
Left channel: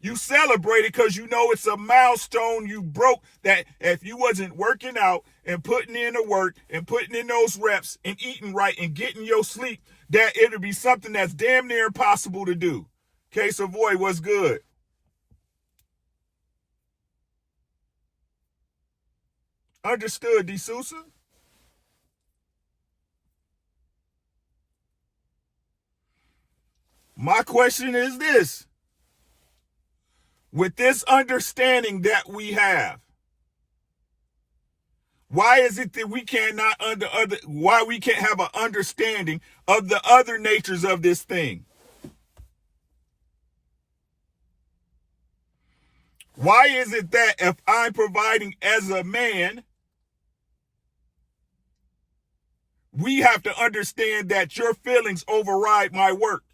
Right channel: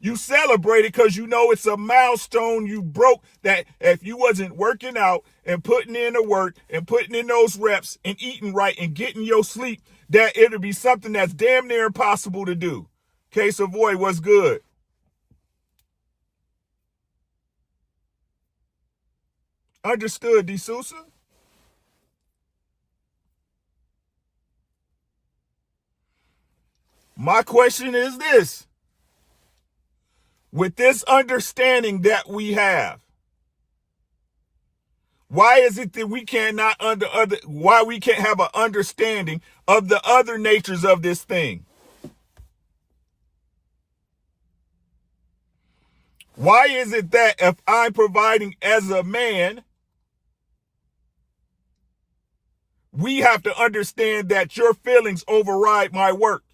You celebrate it because you know it's a milestone you broke, that if you wasn't working out and putting in the work and putting in those reps and eating right and getting your sleep, that it'll be something that's damn near impossible to do. Case Avoid, what's good? Understood, D. Sousa? My question is this. With this understanding that we have, why is it that we cannot why we can't have an understanding of the other natures of this thing? Why is it that if I'm providing as a man, we have to understand that your feelings override my work?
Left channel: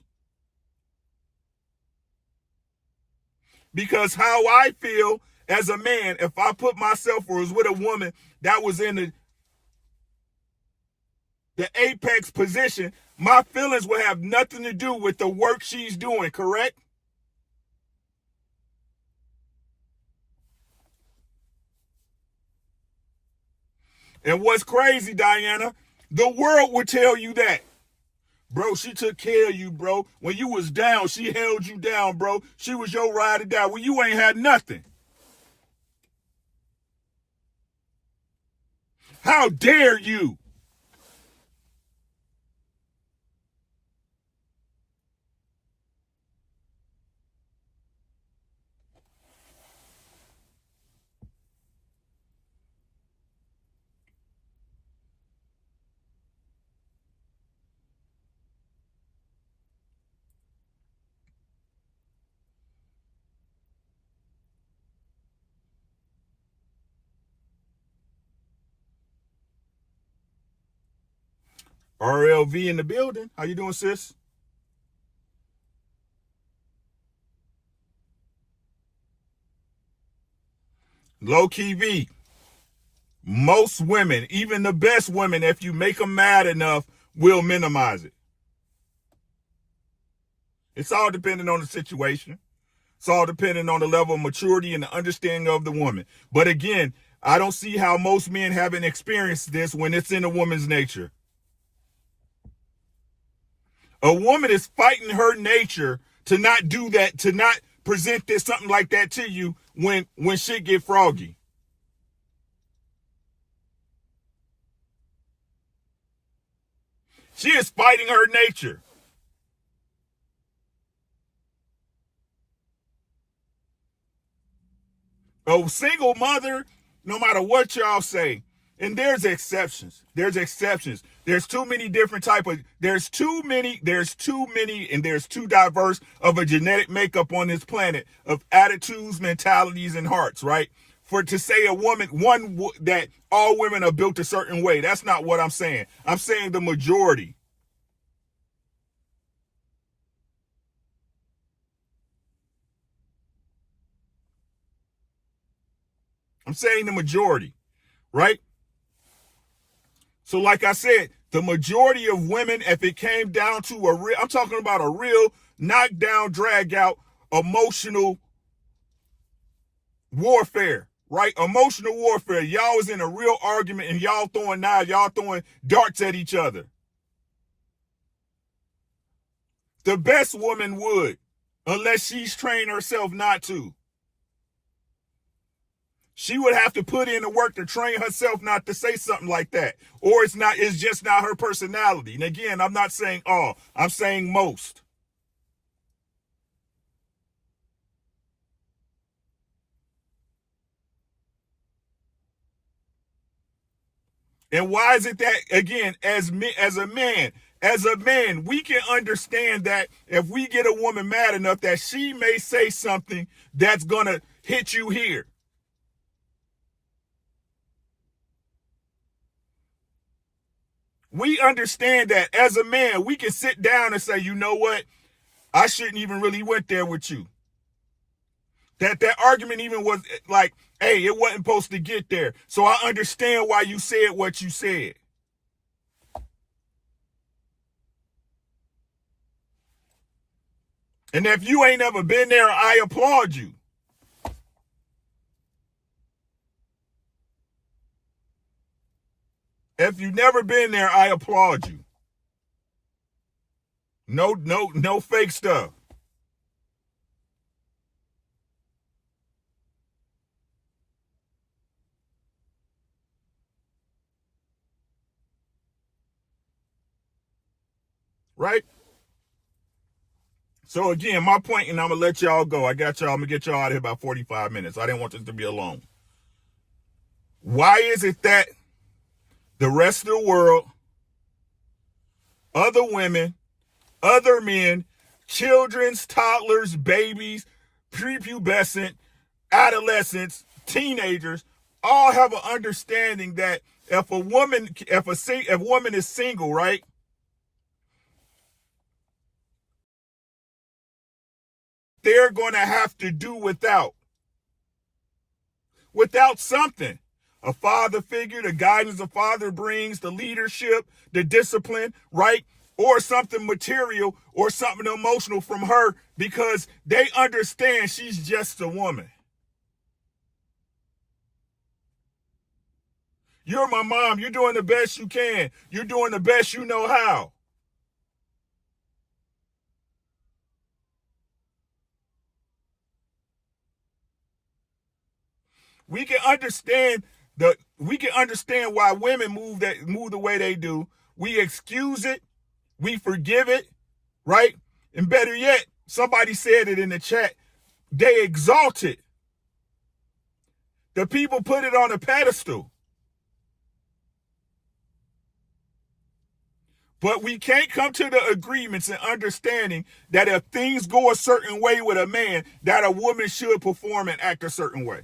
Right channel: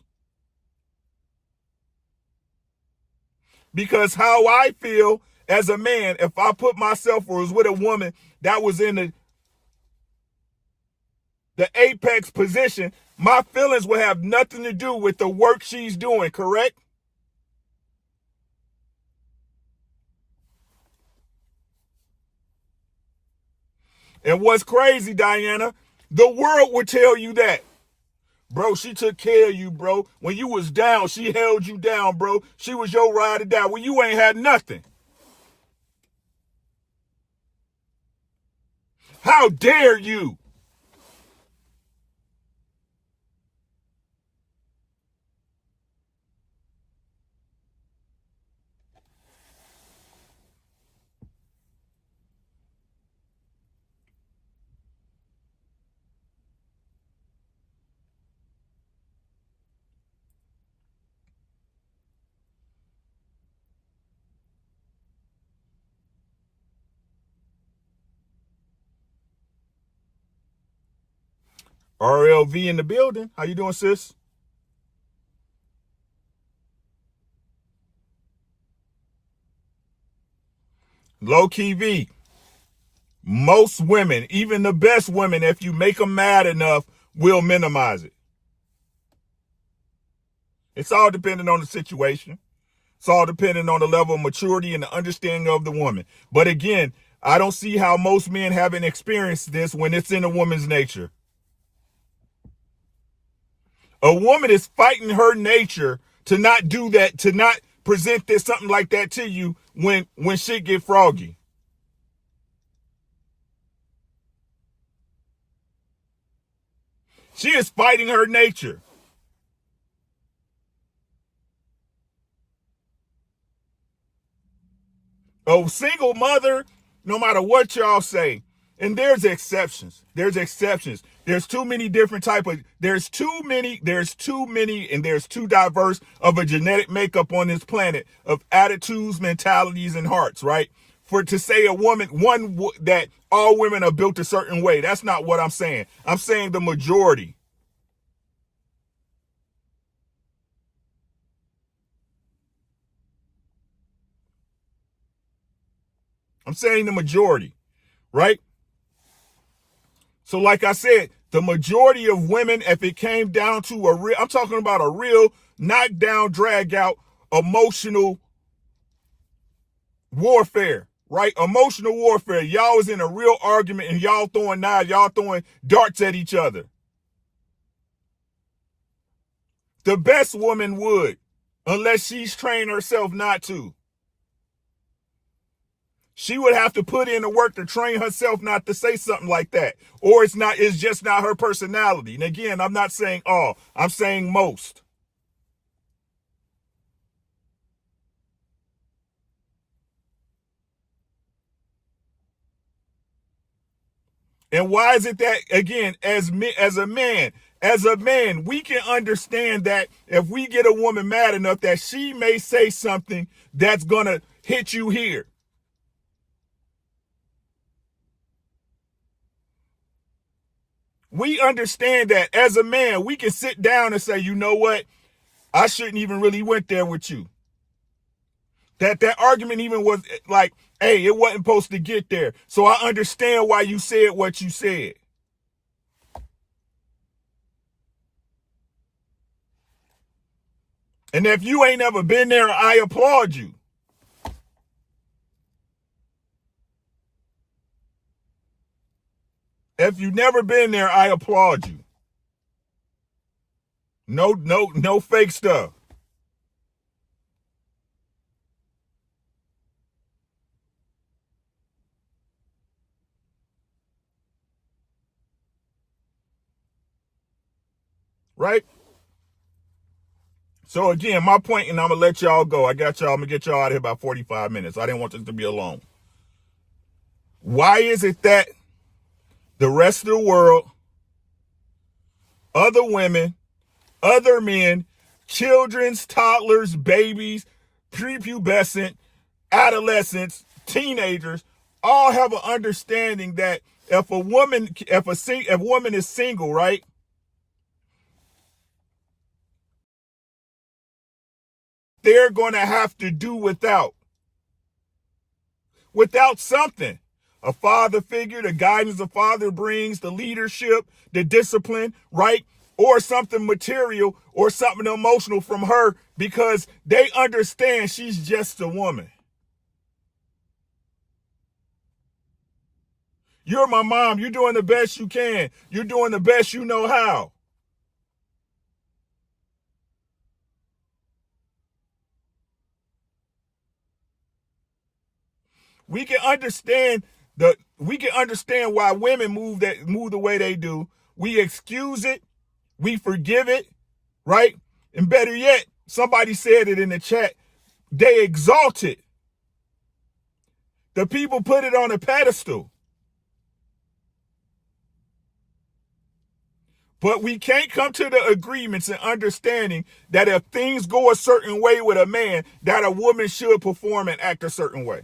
Because how I feel as a man, if I put myself or was with a woman that was in the apex position, my feelings will have nothing to do with the work she's doing, correct? And what's crazy, Diana, the world would tell you that. Bro, she took care of you, bro. When you was down, she held you down, bro. She was your ride or die when you ain't had nothing. How dare you? RLV in the building. How you doing, sis? Low key V. Most women, even the best women, if you make them mad enough, will minimize it. It's all dependent on the situation. It's all dependent on the level of maturity and the understanding of the woman. But again, I don't see how most men haven't experienced this when it's in a woman's nature. A woman is fighting her nature to not do that, to not present this something like that to you when shit get froggy. She is fighting her nature. A single mother, no matter what y'all say, and there's exceptions. There's exceptions. There's too many different there's too diverse of a genetic makeup on this planet of attitudes, mentalities, and hearts, right? For to say a woman, that all women are built a certain way. That's not what I'm saying. I'm saying the majority. I'm saying the majority, right? So like I said, the majority of women, if it came down to I'm talking about a real knockdown, drag out, emotional warfare, right? Emotional warfare. Y'all was in a real argument and y'all throwing knives, y'all throwing darts at each other. The best woman would, unless she's trained herself not to. She would have to put in the work to train herself not to say something like that. Or it's just not her personality. And again, I'm not saying all, I'm saying most. And why is it that, again, as a man, we can understand that if we get a woman mad enough that she may say something that's going to hit you here. We understand that as a man, we can sit down and say, you know what? I shouldn't even really went there with you. That argument even was like, hey, it wasn't supposed to get there. So I understand why you said what you said. And if you ain't ever been there, I applaud you. If you've never been there, I applaud you. No fake stuff. Right? So again, my point, and I'm gonna let y'all go. I'm gonna get y'all out of here about 45 minutes. I didn't want this to be alone. Why is it that the rest of the world, other women, other men, children's, toddlers, babies, prepubescent, adolescents, teenagers, all have an understanding that if a woman is single, right? They're going to have to do without something. A father figure, the guidance a father brings, the leadership, the discipline, right? Or something material or something emotional from her because they understand she's just a woman. You're my mom. You're doing the best you can. You're doing the best you know how. We can understand why women move the way they do. We excuse it, we forgive it, right? And better yet, somebody said it in the chat, they exalt it. The people put it on a pedestal. But we can't come to the agreements and understanding that if things go a certain way with a man, that a woman should perform and act a certain way.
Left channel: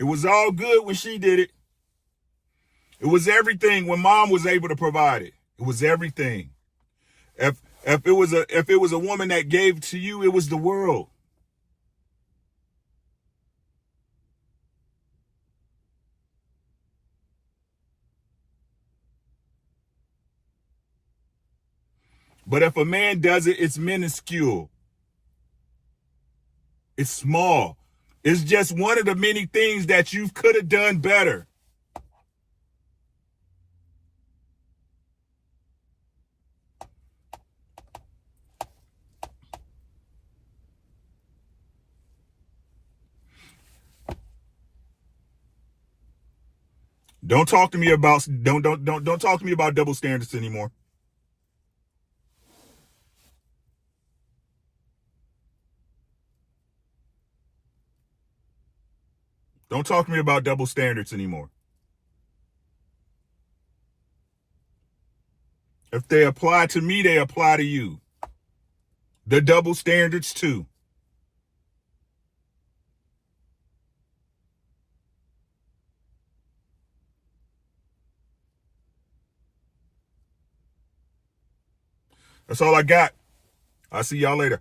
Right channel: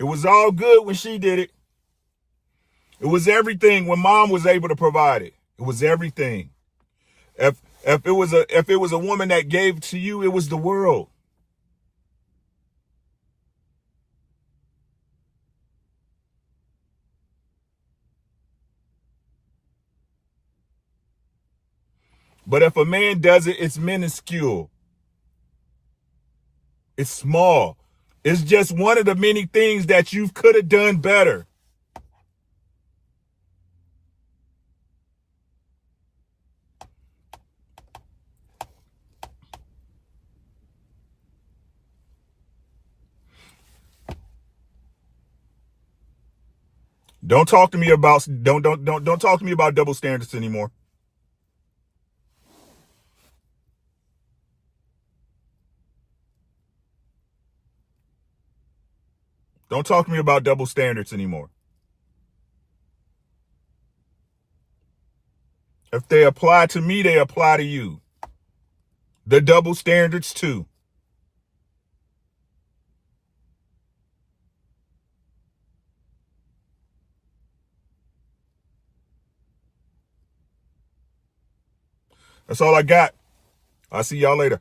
It was all good when she did it. It was everything when mom was able to provide it. It was everything. If it was a woman that gave to you, it was the world. But if a man does it, it's minuscule. It's small. It's just one of the many things that you could have done better. Don't talk to me about don't talk to me about double standards anymore. Don't talk to me about double standards anymore. If they apply to me, they apply to you. The double standards too. That's all I got. I'll see y'all later.